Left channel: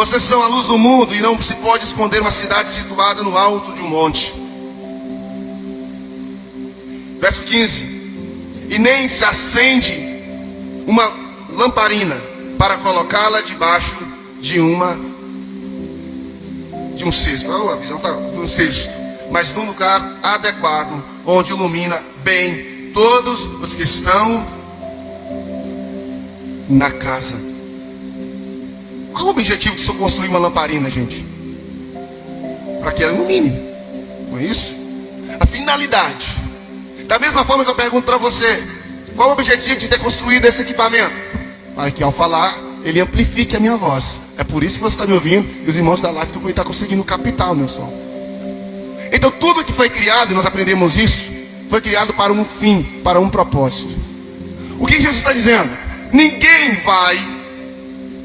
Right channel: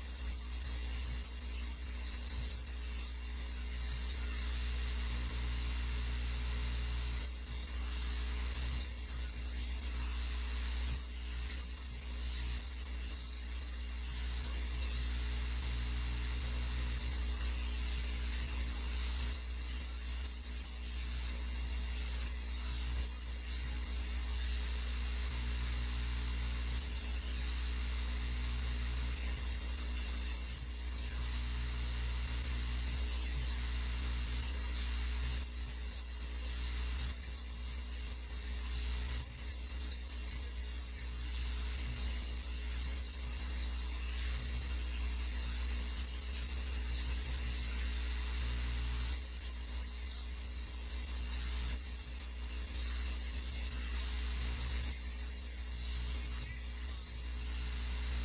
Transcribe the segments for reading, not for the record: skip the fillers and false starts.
Vocês são a luz do mundo e não se pode esconder uma cidade situada no alto de um monte. Verso 15. E nem se acende uma lamparina para colocá-la debaixo de um cesto. A visão está um cesto, mas num lugar adequado, onde ilumina bem todos os que estão na casa. Qual o objetivo de se construir uma lamparina, gente? Para que ela ilumine, não é isso? A finalidade. Da mesma forma que eu pergunto para você, qual o objetivo de ter construído esse equipamento? Para que ao falar, ele amplifique a minha voz. É por isso que você está me ouvindo e os irmãos da live estão conseguindo captar o meu som. Então tudo que foi criado, e nós aprendemos isso, foi criado para um fim, para um propósito. O que Jesus está dizendo? Ninguém vai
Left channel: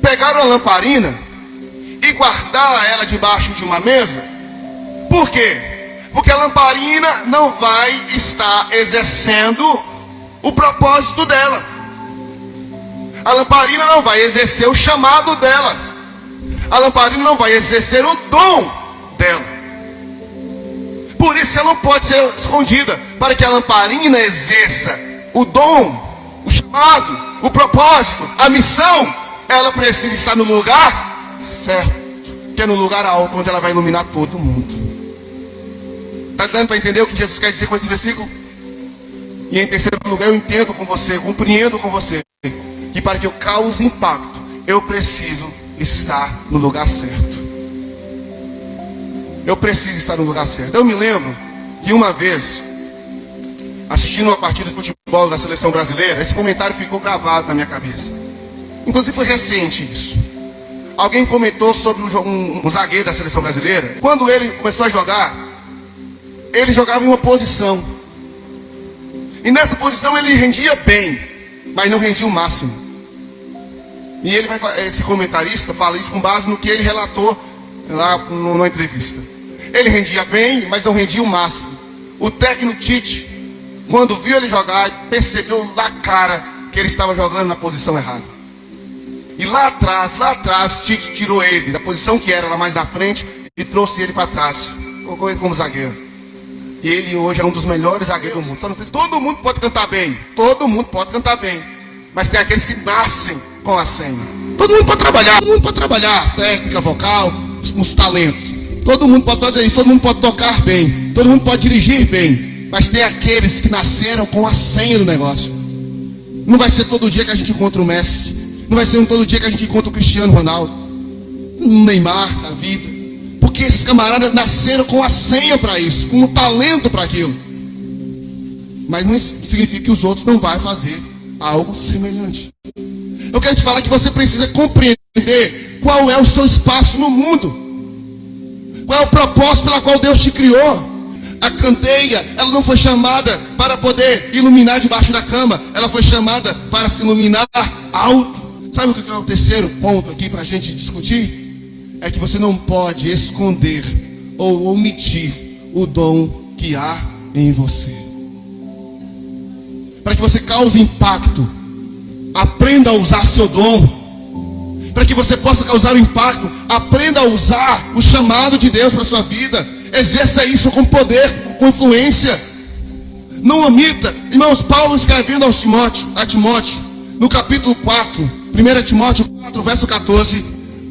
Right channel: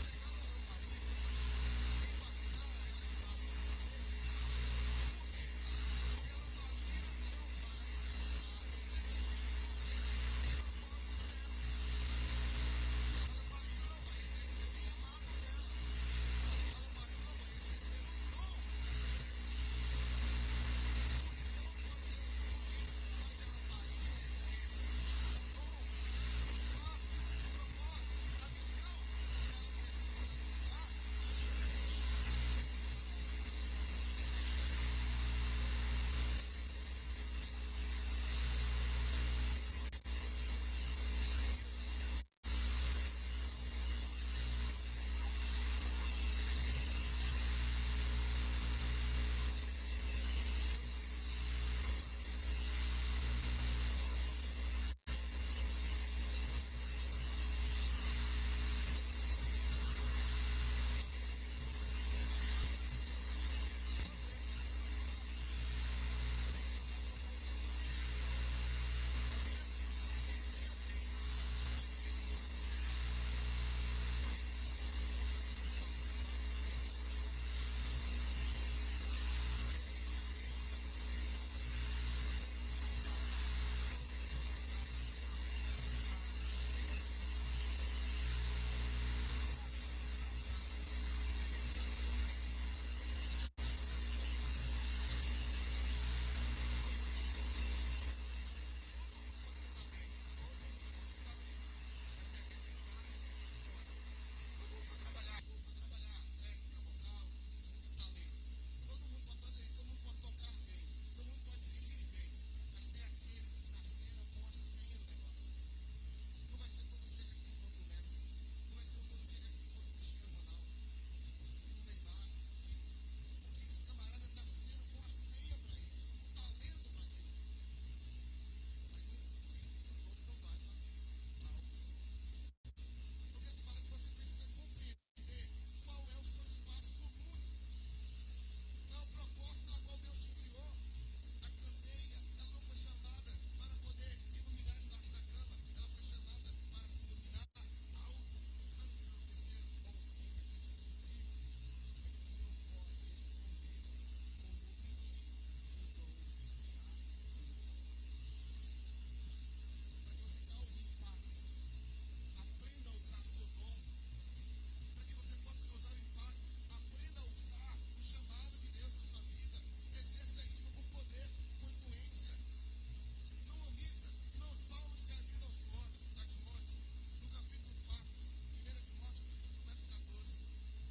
pegar uma lamparina e guardar ela debaixo de uma mesa. Por quê? Porque a lamparina não vai estar exercendo o propósito dela. A lamparina não vai exercer o chamado dela. A lamparina não vai exercer o dom dela. Por isso ela não pode ser escondida. Para que a lamparina exerça o dom, o chamado, o propósito, a missão, ela precisa estar no lugar certo, que é no lugar alto, onde ela vai iluminar todo mundo. Está dando para entender o que Jesus quer dizer com esse versículo? E em terceiro lugar, eu entendo com você, compreendo com você, que para que eu cause impacto, eu preciso estar no lugar certo. Eu preciso estar no lugar certo. Eu me lembro que uma vez, assistindo uma partida de futebol da seleção brasileira, esse comentário ficou gravado na minha cabeça. Inclusive foi recente isso. Alguém comentou sobre um zagueiro da seleção brasileira. Quando ele começou a jogar, ele jogava em uma posição. E nessa posição ele rendia bem, mas não rendia o máximo. E esse comentarista fala isso com base no que ele relatou lá numa entrevista. Ele rendia bem, mas não rendia o máximo. O técnico Tite, quando viu ele jogar, percebeu na cara que ele estava jogando na posição errada. E lá atrás, Tite tirou ele da posição que era lá mais na frente e trouxe ele para trás. Colocou ele como zagueiro. E ele hoje é um dos melhores zagueiros do mundo. Só não sei, todo mundo pode cantar bem. Todo mundo pode cantar bem. Mas tem aqueles que nascem com a senha. Todo mundo pode trabalhar. Técnica, vocal, os talentos. Todo mundo pode fazer isso. Todo mundo pode tocar bem. Todo mundo pode dirigir bem. Mas tem aqueles que nasceram com a senha do negócio. Não vai ser todo dia que a gente encontra o Messi. Não vai ser todo dia que a gente encontra o Cristiano Ronaldo, um Neymar da vida. Porque esses camaradas nasceram com a senha para isso, com o talento para aquilo. Mas não significa que os outros não vão fazer algo semelhante. Eu quero te falar que você precisa compreender qual é o seu espaço no mundo. Qual é o propósito pela qual Deus te criou. A candeia, ela não foi chamada para poder iluminar debaixo da cama. Ela foi chamada para se iluminar alto. Sabe o que é o terceiro ponto aqui para a gente discutir? É que você não pode esconder ou omitir o dom que há em você. Para que você cause impacto, aprenda a usar seu dom. Para que você possa causar um impacto, aprenda a usar o chamado de Deus para a sua vida. Exerça isso com poder, com influência. Não omita. Irmãos, Paulo escrevendo a Timóteo, no capítulo 4, 1 Timóteo 4, verso 14,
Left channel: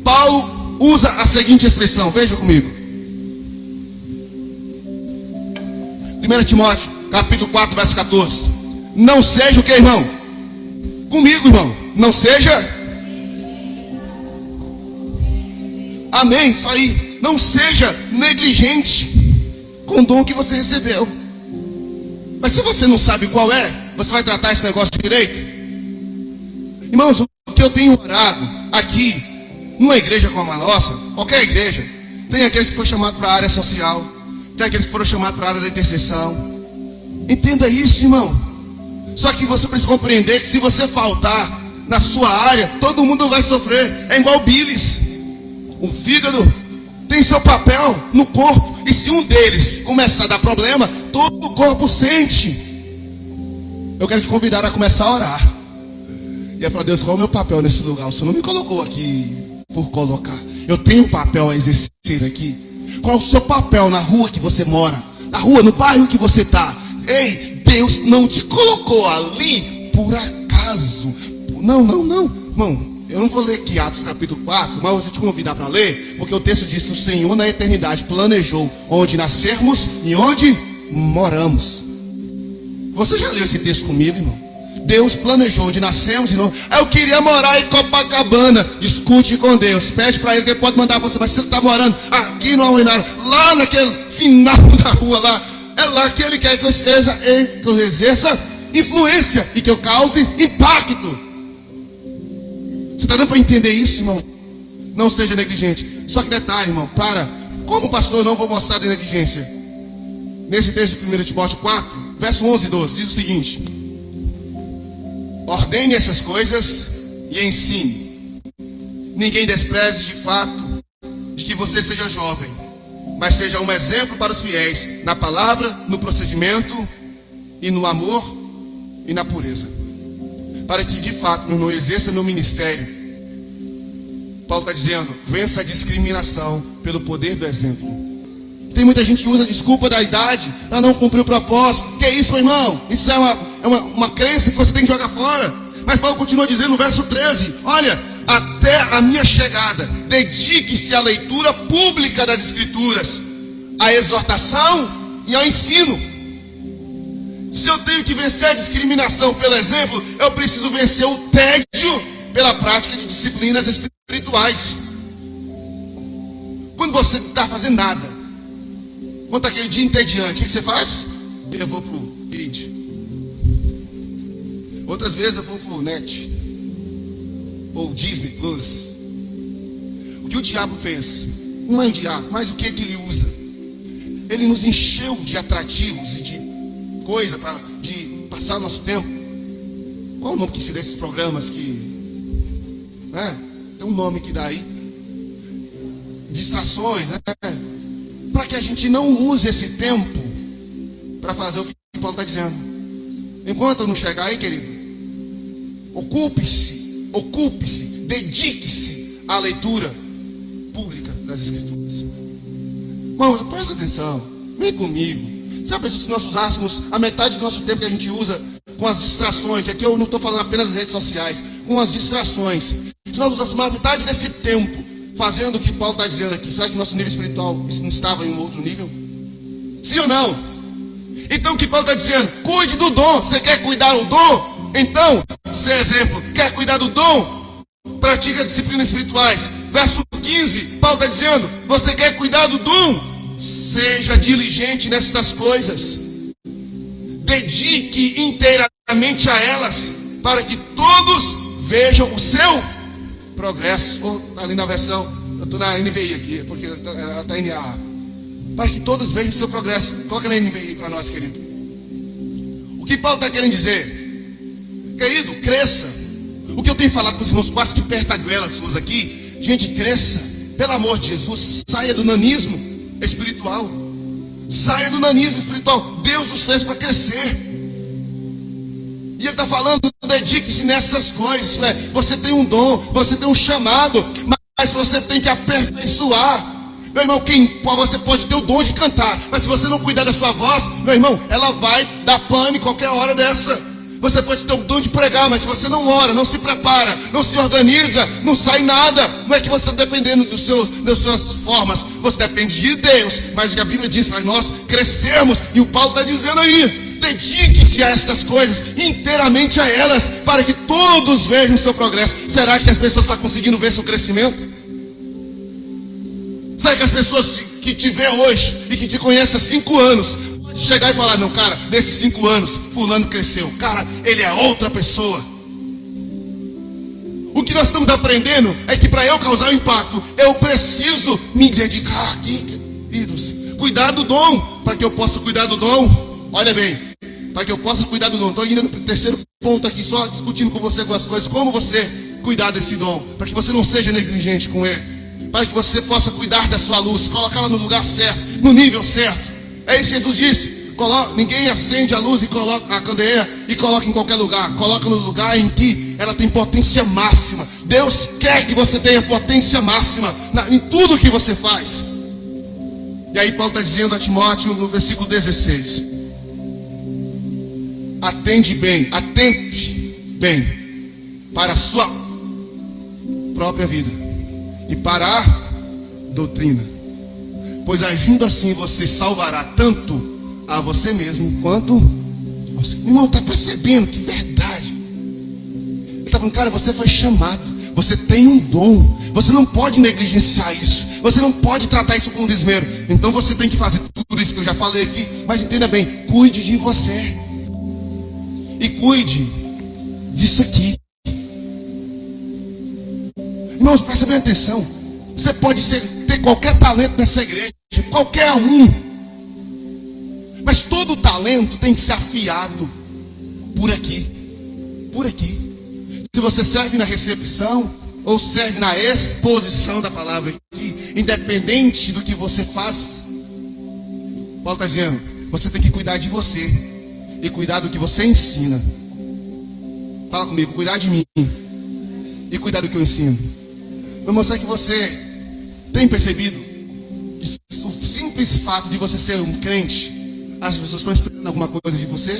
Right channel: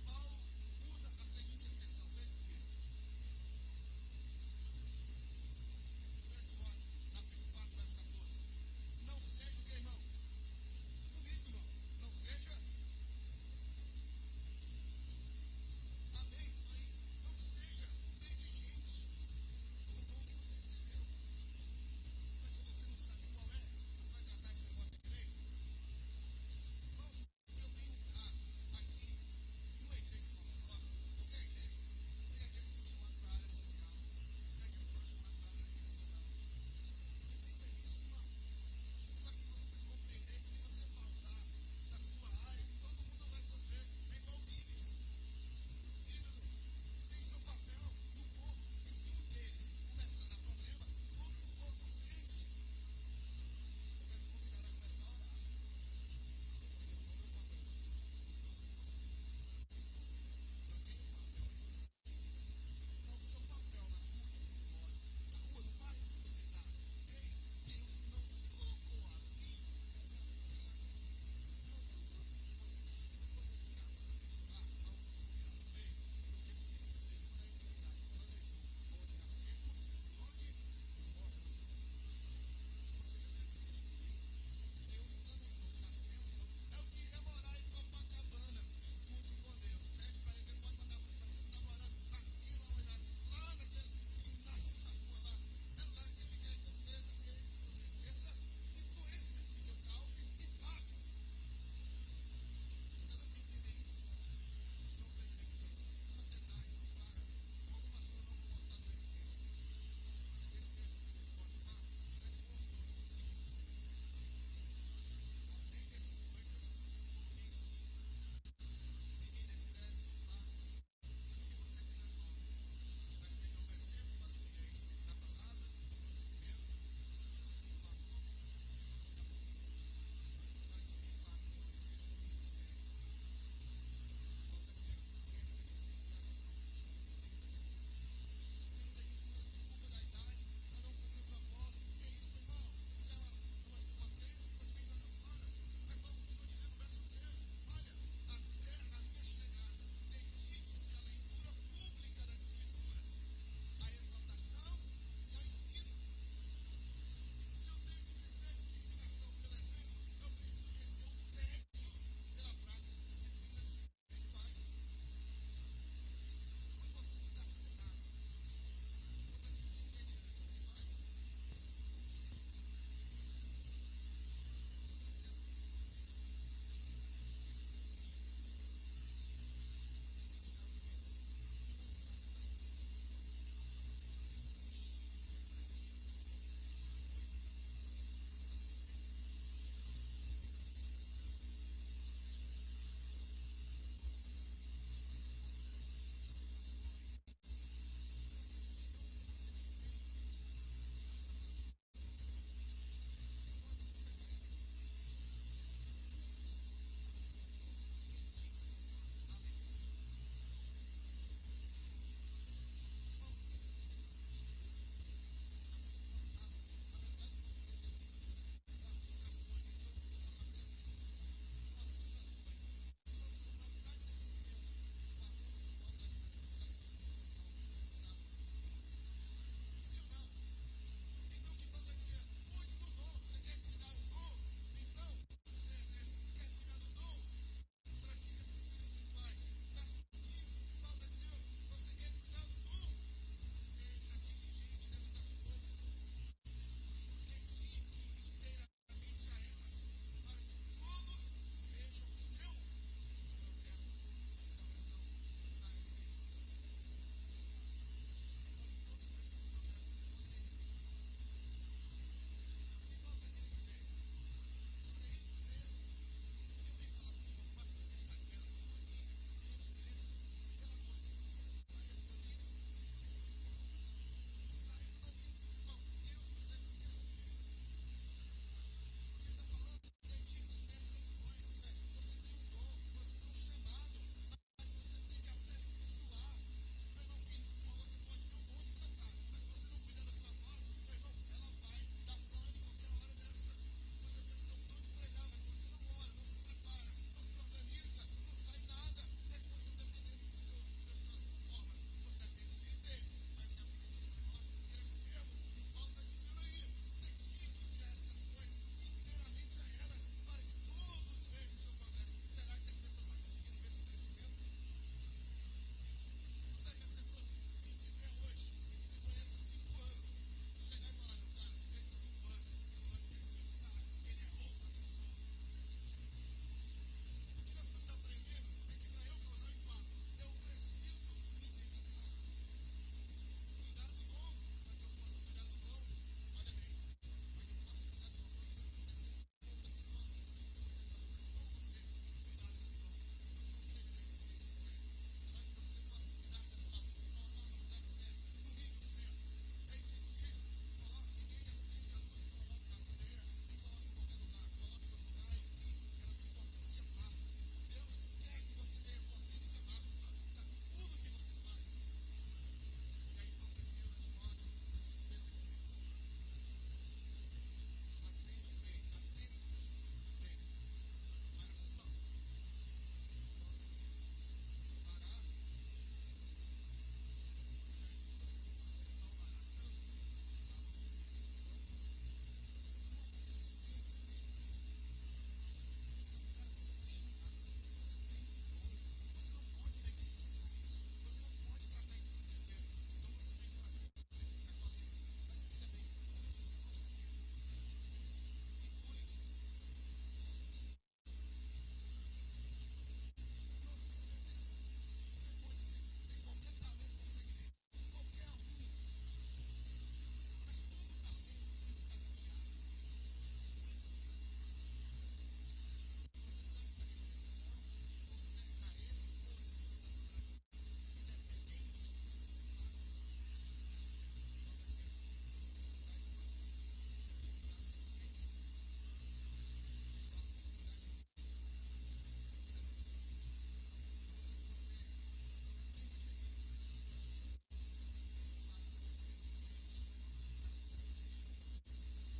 Paulo usa a seguinte expressão, veja comigo. 1 Timóteo, capítulo 4, verso 14. Não seja o que, irmão? Comigo, irmão. Não seja. Amém, isso aí. Não seja negligente com o dom que você recebeu. Mas se você não sabe qual é, você vai tratar esse negócio direito? Irmãos, o que eu tenho orado aqui, numa igreja como a nossa, qualquer igreja, tem aqueles que foram chamados para a área social, tem aqueles que foram chamados para a área da intercessão. Entenda isso, irmão. Só que você precisa compreender que se você faltar na sua área, todo mundo vai sofrer. É igual bilis. O fígado tem seu papel no corpo. E se um deles começar a dar problema, todo o corpo sente. Eu quero te convidar a começar a orar. E aí falar, Deus, qual é o meu papel nesse lugar? O Senhor não me colocou aqui por colocar. Eu tenho um papel a exercer aqui. Qual é o seu papel na rua que você mora? Na rua, no bairro que você está? Ei, Deus não te colocou ali por acaso. Não. Irmão, eu não vou ler aqui Atos capítulo 4, mas eu vou te convidar para ler, porque o texto diz que o Senhor na eternidade planejou onde nascermos e onde moramos. Você já leu esse texto comigo, irmão? Deus planejou onde nascemos e não. Eu queria morar em Copacabana. Discute com Deus. Pede para Ele que Ele pode mandar você. Mas você está morando aqui no Almeida, lá naquele final da rua lá. É lá que Ele quer que eu exerça influência e que eu cause impacto. Você está dando para entender isso, irmão? Não seja negligente. Só que detalhe, irmão, como pastor eu não vou mostrar de negligência. Nesse texto de 1 Timóteo 4, verso 11 e 12, diz o seguinte: ordene essas coisas e ensine. Ninguém despreze de fato de que você seja jovem, mas seja um exemplo para os fiéis na palavra, no procedimento e no amor e na pureza, para que de fato não exerça no ministério. Paulo está dizendo: vença a discriminação pelo poder do exemplo. Tem muita gente que usa a desculpa da idade para não cumprir o propósito. Que é isso, meu irmão? Isso é uma crença que você tem que jogar fora. Mas Paulo continua dizendo no verso 13: olha, até a minha chegada, dedique-se à leitura pública das Escrituras, à exortação e ao ensino. Se eu tenho que vencer a discriminação pelo exemplo, eu preciso vencer o tédio pela prática de disciplinas espirituais. Quando você não está fazendo nada, quando aquele dia entediante, o que você faz? Eu vou pro feed. Outras vezes eu vou pro net, ou Disney Plus. O que o diabo fez? Não é o diabo, mas o que ele usa? Ele nos encheu de atrativos e de coisa de passar o nosso tempo. Qual o nome que se dá esses programas que... tem um nome que dá aí. Distrações, para que a gente não use esse tempo para fazer o que Paulo está dizendo. Enquanto eu não chegar aí, querido, ocupe-se, dedique-se à leitura pública das Escrituras. Irmãos, presta atenção, vem comigo. Sabe, se nós usássemos a metade do nosso tempo que a gente usa com as distrações, aqui eu não estou falando apenas das redes sociais, com as distrações, se nós usássemos a metade desse tempo fazendo o que Paulo está dizendo aqui, será que nosso nível espiritual não estava em um outro nível? Sim ou não? Então o que Paulo está dizendo? Cuide do dom. Você quer cuidar do dom? Então, ser exemplo, quer cuidar do dom? Pratique as disciplinas espirituais. Verso 15, Paulo está dizendo: você quer cuidar do dom? Seja diligente nestas coisas. Dedique inteiramente a elas, para que todos vejam o seu progresso. Ali na versão, eu estou na NVI aqui, porque ela está NA. Para que todos vejam o seu progresso. Coloca na NVI para nós, querido. O que Paulo está querendo dizer? Querido, cresça. O que eu tenho falado com os irmãos quase que perto da goela suas aqui: gente, cresça. Pelo amor de Jesus, saia do nanismo espiritual. Saia do nanismo espiritual. Deus nos fez para crescer. E Ele está falando: dedique-se nessas coisas. Você tem um dom, você tem um chamado, mas você tem que aperfeiçoar. Meu irmão, você pode ter o dom de cantar, mas se você não cuidar da sua voz, meu irmão, ela vai dar pane qualquer hora dessa. Você pode ter o dom de pregar, mas se você não ora, não se prepara, não se organiza, não sai nada. Não é que você está dependendo das suas formas, você depende de Deus. Mas o que a Bíblia diz para nós crescermos, e o Paulo está dizendo aí: dedique-se a estas coisas, inteiramente a elas, para que todos vejam o seu progresso. Será que as pessoas estão conseguindo ver seu crescimento? Será que as pessoas que te vê hoje e que te conhecem há 5 anos pode chegar e falar: não, cara, nesses 5 anos fulano cresceu, cara, ele é outra pessoa? O que nós estamos aprendendo é que para eu causar impacto, eu preciso me dedicar aqui, queridos, cuidar do dom. Para que eu possa cuidar do dom, olha bem, para que eu possa cuidar do dom, estou indo no terceiro ponto aqui, só discutindo com você algumas coisas. Como você cuidar desse dom, para que você não seja negligente com ele, para que você possa cuidar da sua luz, colocá-la no lugar certo, no nível certo. É isso que Jesus disse: ninguém acende a luz e coloca a candeeira e coloca em qualquer lugar. Coloca no lugar em que ela tem potência máxima. Deus quer que você tenha potência máxima em tudo que você faz. E aí Paulo está dizendo a Timóteo no versículo 16: atente bem para a sua própria vida e para a doutrina, pois agindo assim você salvará tanto a você mesmo quanto você. Irmão, está percebendo que verdade? Ele está falando, cara, você foi chamado, você tem um dom, você não pode negligenciar isso, você não pode tratar isso com desmero. Então você tem que fazer tudo isso que eu já falei aqui, mas entenda bem, cuide de você e cuide disso aqui. Irmãos, presta bem atenção. Você pode ter qualquer talento nessa igreja, qualquer um, mas todo talento tem que ser afiado por aqui, por aqui. Se você serve na recepção ou serve na exposição da palavra aqui, independente do que você faz, Paulo está dizendo, você tem que cuidar de você e cuidar do que você ensina. Fala comigo, cuidar de mim e cuidar do que eu ensino. Vou mostrar que você tem percebido que o simples fato de você ser um crente, as pessoas estão esperando alguma coisa de você.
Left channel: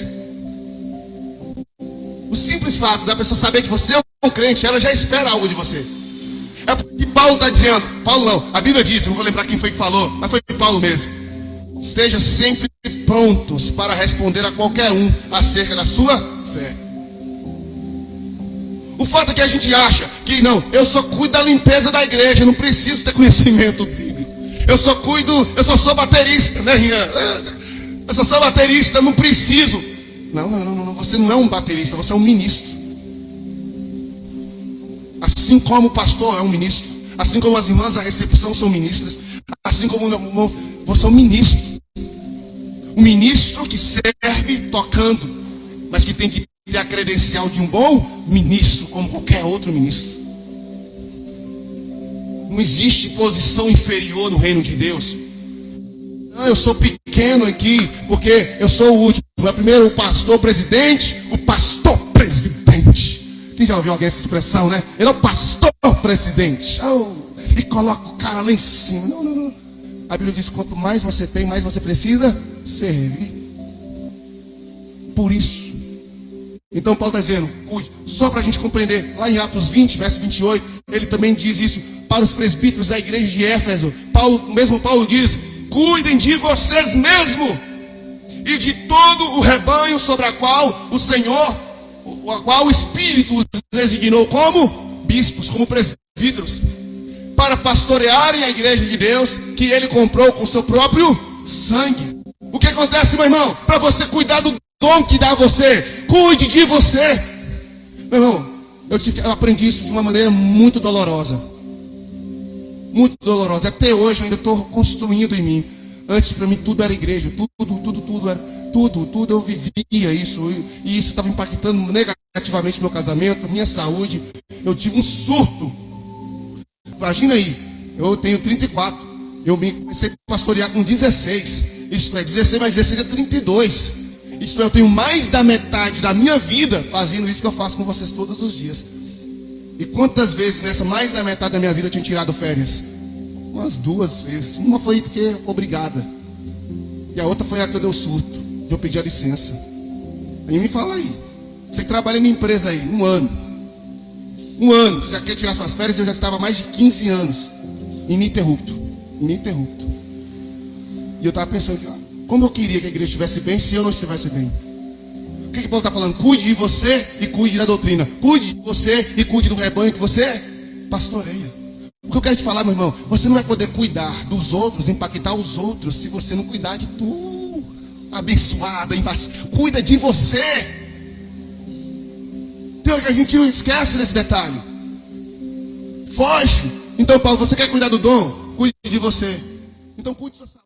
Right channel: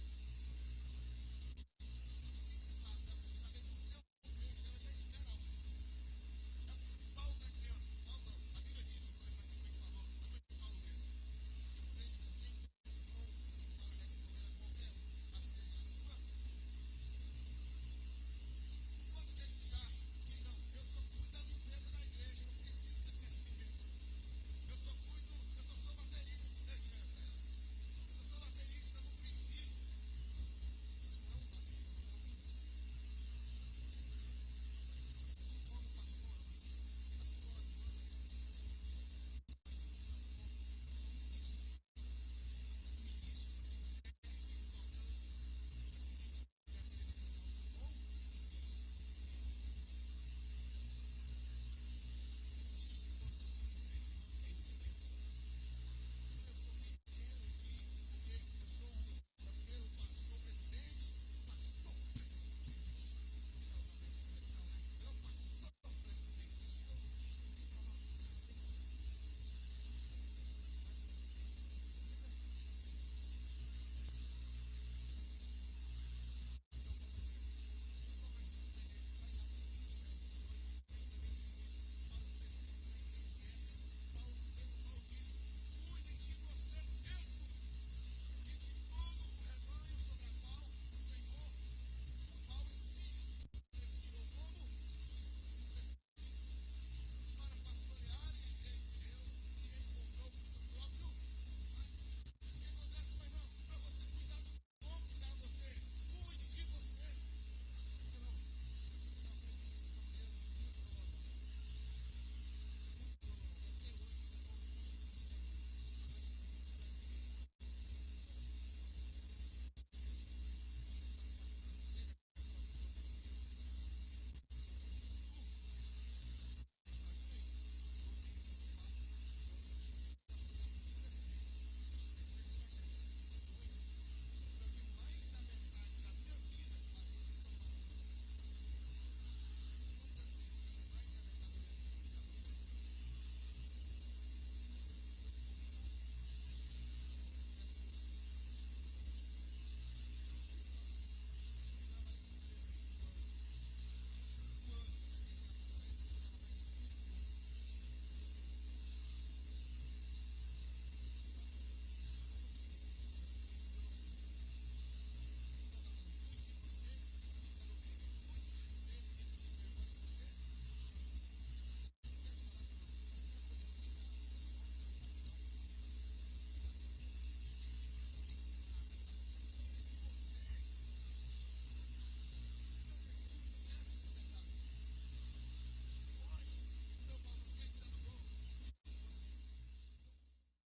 O simples fato da pessoa saber que você é um crente, ela já espera algo de você. É porque Paulo está dizendo, Paulo não, a Bíblia diz, eu não vou lembrar quem foi que falou, mas foi Paulo mesmo: esteja sempre prontos para responder a qualquer um acerca da sua fé. O fato é que a gente acha que não, eu só cuido da limpeza da igreja, não preciso ter conhecimento bíblico. Eu só sou baterista, né, Rian? Eu só sou baterista, não preciso. Não, você não é um baterista, você é um ministro. Assim como o pastor é um ministro, assim como as irmãs da recepção são ministras, assim como você é um ministro. Um ministro que serve tocando, mas que tem que ter a credencial de um bom ministro, como qualquer outro ministro. Não existe posição inferior no reino de Deus. Não, eu sou pequeno aqui, porque eu sou o último. É primeiro o pastor presidente, o pastor presidente. Quem já ouviu alguém essa expressão, né? Ele é o pastor presidente. Oh, e coloca o cara lá em cima. Não. A Bíblia diz, quanto mais você tem, mais você precisa servir. Por isso. Então Paulo está dizendo, cuide. Só para a gente compreender, lá em Atos 20, verso 28, ele também diz isso para os presbíteros da igreja de Éfeso. Paulo diz, cuidem de vocês mesmos e de todo o rebanho sobre a qual o Espírito os designou como bispos, como presbíteros, para pastorearem a igreja de Deus que ele comprou com seu próprio sangue. O que acontece, meu irmão? Para você cuidar do dom que dá a você, cuide de você. Meu irmão, eu aprendi isso de uma maneira muito dolorosa. Muito dolorosa. Até hoje eu ainda estou construindo em mim. Antes para mim tudo era igreja, tudo era, tudo eu vivia isso, e isso estava impactando negativamente meu casamento, minha saúde. Eu tive um surto. Imagina aí, eu tenho 34, eu comecei a pastorear com 16, isso é 16 mais 16 é 32, isso eu tenho mais da metade da minha vida fazendo isso que eu faço com vocês todos os dias. E quantas vezes nessa mais da metade da minha vida eu tinha tirado férias? Umas 2 vezes. Uma foi porque eu fui obrigada, e a outra foi a que eu dei o surto, e eu pedi a licença. Aí me fala aí, você trabalha na empresa aí, um ano, você já quer tirar suas férias? Eu já estava há mais de 15 anos ininterrupto. E eu estava pensando, como eu queria que a igreja estivesse bem se eu não estivesse bem. O que Paulo está falando? Cuide de você e cuide da doutrina. Cuide de você e cuide do rebanho que você pastoreia. O que eu quero te falar, meu irmão, você não vai poder cuidar dos outros, impactar os outros, se você não cuidar de tu, abençoada, cuida de você. Tem hora que a gente não esquece desse detalhe. Foge. Então, Paulo, você quer cuidar do dom? Cuide de você. Então, cuide da sua saúde.